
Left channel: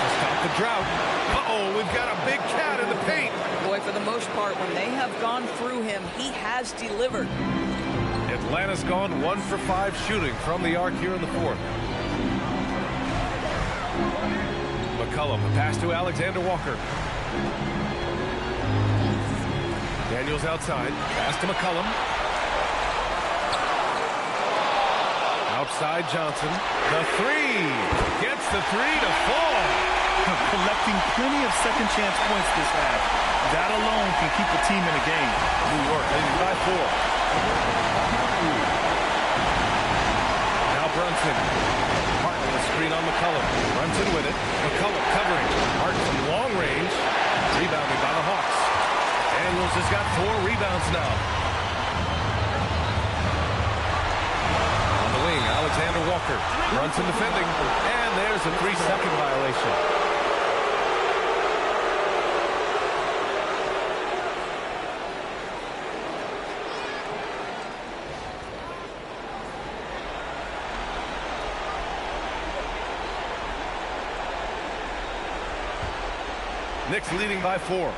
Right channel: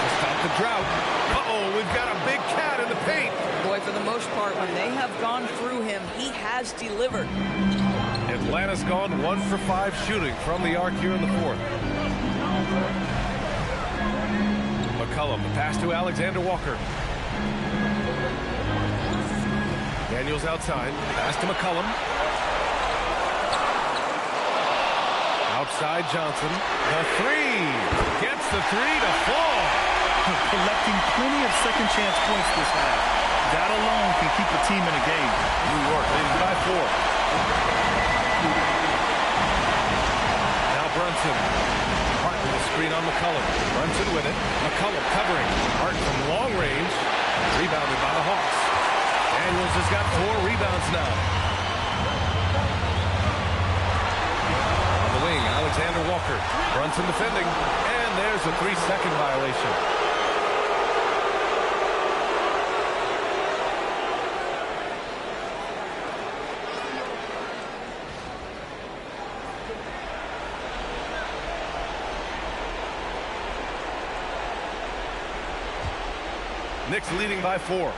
To stop the drought. Uh-oh, we've got a big cat in the paint. Boy, for the most part, when they have gone through him, he has delivered. Atlanta's gone 1 for 5 shooting from the arc here in the 4th. McCollum, the pass to Alexander Walker. Daniels outside. Pass to McCollum. Outside Johnson. The 3. Gets the 3 to fall. Collecting plenty of second chance points this half. That alone can keep a team in a game. New York leading by 4. Now Brunson. Hart with a screen on McCollum. Brunson with it. McCollum covering. Hart from long range. Rebounded by the Hawks. Daniels has got 4 rebounds now. On the wing, Alexander Walker. Brunson defending. And there's a 3-second violation. Knicks leading by 4.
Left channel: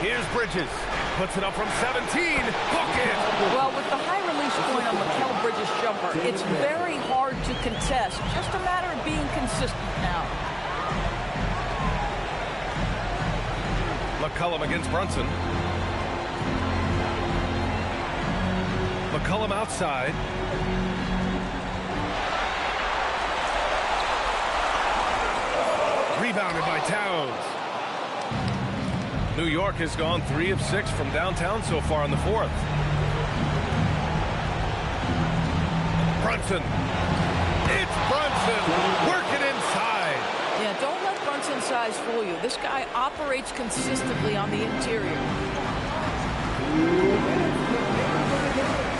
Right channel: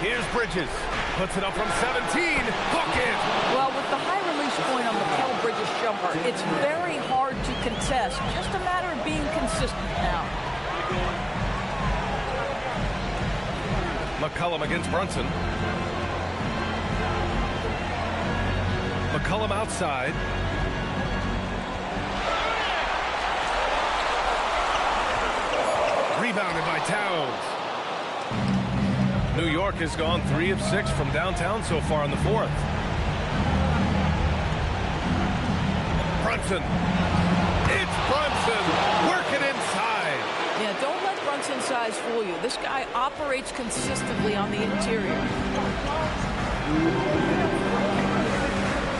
Here's Bridges. Puts it up from 17. Bucket! Well, with the high release point on Mikal Bridges' jumper, it's very hard to contest. Just a matter of being consistent now. McCollum against Brunson. McCollum outside. Rebounded by Towns. New York has gone 3 of 6 from downtown so far in the 4th. Brunson. It's Brunson. Working inside. Yeah, don't let Brunson's size fool you. This guy operates consistently on the interior.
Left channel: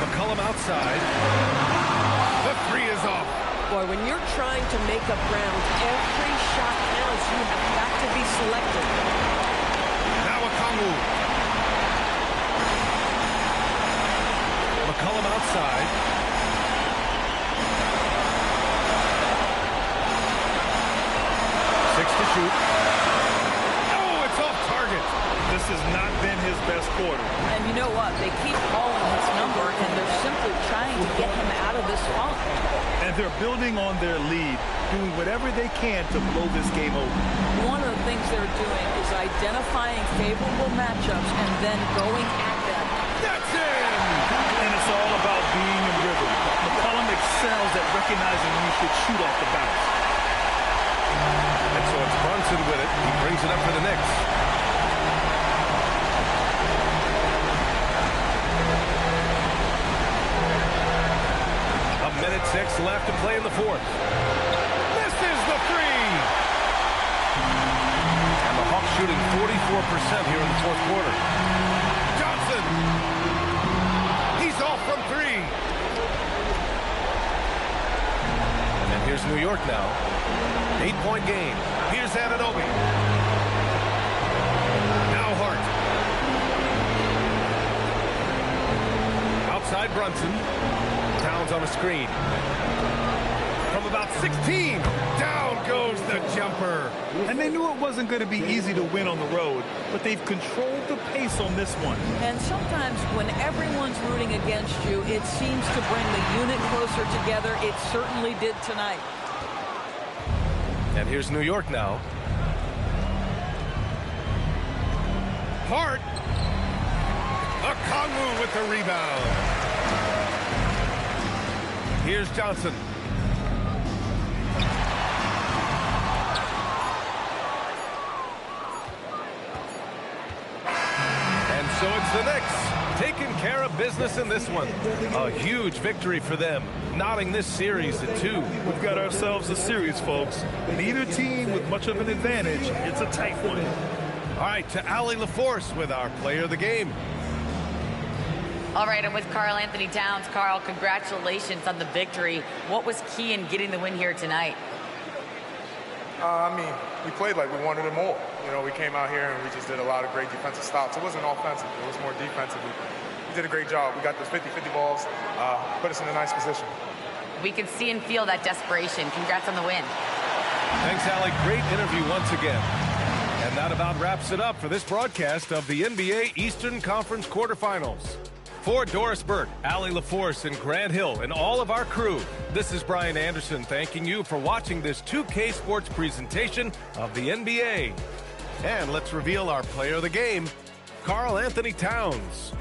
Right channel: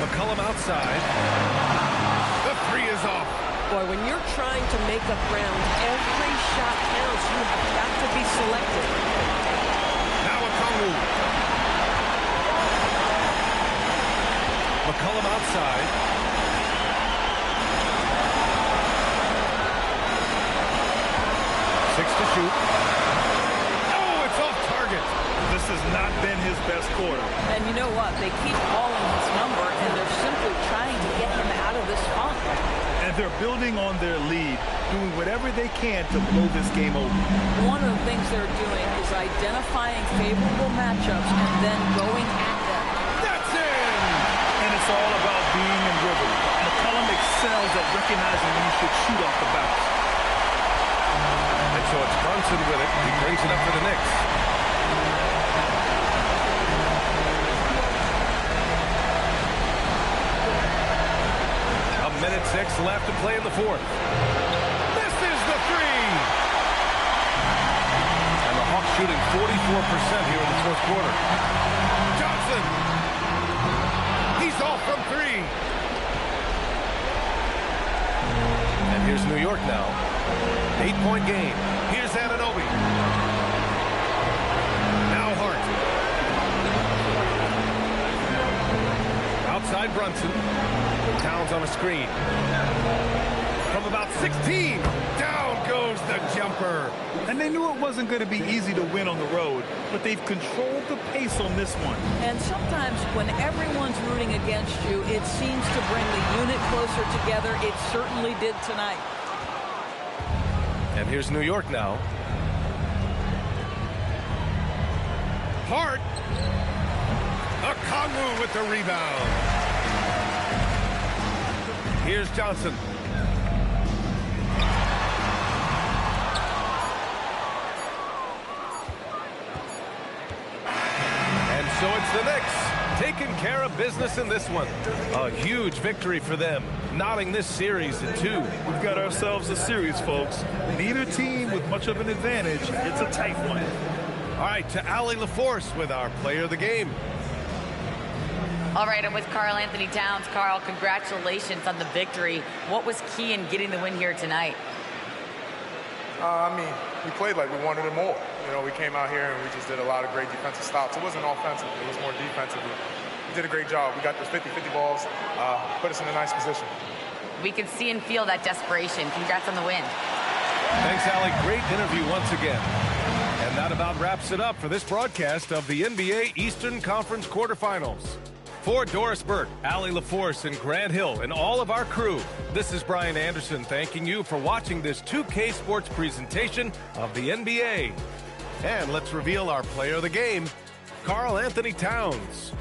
McCollum outside. The 3 is off. Boy, when you're trying to make up ground, every shot counts. You have got to be selective. Now Okongwu. McCollum outside. Six to shoot. Oh, it's off target. This has not been his best quarter. And you know what? They keep calling his number, and they're simply trying to get him out of this funk. And they're building on their lead, doing whatever they can to blow this game open. One of the things they're doing is identifying favorable matchups and then going at them. That's in! And it's all about being in rhythm. McCollum excels at recognizing when he should shoot off the bounce. And so it's Brunson with it. He brings it up for the Knicks. A minute 6 left to play in the 4th. Misses the 3! And the Hawks shooting 44% here in the 4th quarter. Johnson! He's off from 3! And here's New York now. 8-point game. Here's Anunoby. Now Hart. Outside Brunson. Towns on a screen. from about 16. Down goes the jumper. And they knew it wasn't going to be easy to win on the road, but they've controlled the pace on this one. And sometimes when everyone's rooting against you, it seems to bring the unit closer together. It certainly did tonight. And here's New York now. Hart. Okongwu with the rebound. Here's Johnson. And so it's the Knicks taking care of business in this one. A huge victory for them, knotting this series at 2. We've got ourselves a series, folks. Neither team with much of an advantage. It's a tight one. All right, to Allie LaForce with our player of the game. All right, I'm with Karl Anthony Towns. Karl, congratulations on the victory. What was key in getting the win here tonight? We played like we wanted it more. You know, we came out here and we just did a lot of great defensive stops. It wasn't offensive. It was more defensive. We did a great job. We got those 50-50 balls, put us in a nice position. We can see and feel that desperation. Congrats on the win. Thanks, Allie. Great interview once again. And that about wraps it up for this broadcast of the NBA Eastern Conference quarterfinals. For Doris Burke, Allie LaForce, and Grant Hill, and all of our crew, this is Brian Anderson thanking you for watching this 2K Sports presentation of the NBA. And let's reveal our player of the game, Karl Anthony Towns.